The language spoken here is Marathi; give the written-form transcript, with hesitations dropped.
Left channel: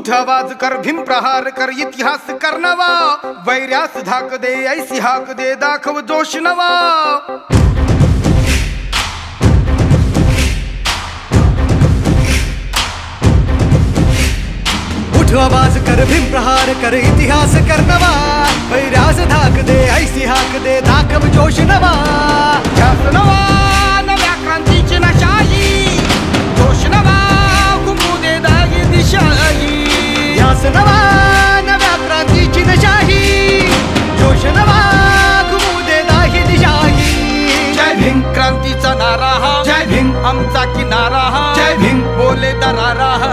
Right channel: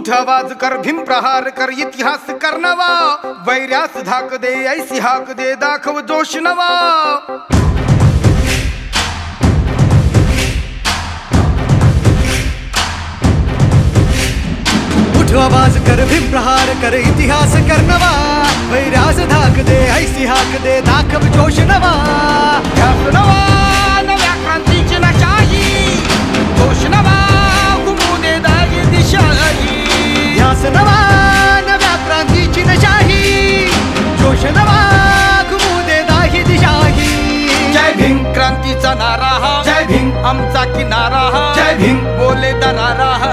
उठ आवाज कर, भीम प्रहार कर, इतिहास कर नवा, वैर्यास धाक दे, ऐसी हाक दे, दाखव जोश नवा. उठ आवाज कर, भीम प्रहार कर, इतिहास कर नवा, वैर्यास धाक दे, ऐसी हाक दे, दाखव जोश नवा. ध्यास नवा नव्या क्रांतीची नशाही, जोश नवा घुमू दे दागी दिशाही. ध्यास नवा नव्या क्रांतीची नशाही, जोश नवा घुमू दे दाही दिशाही. जय भीम क्रांतीचा नारा हा, जय भीम आमचा किनारा हा, जय भीम बोले दरारा हा.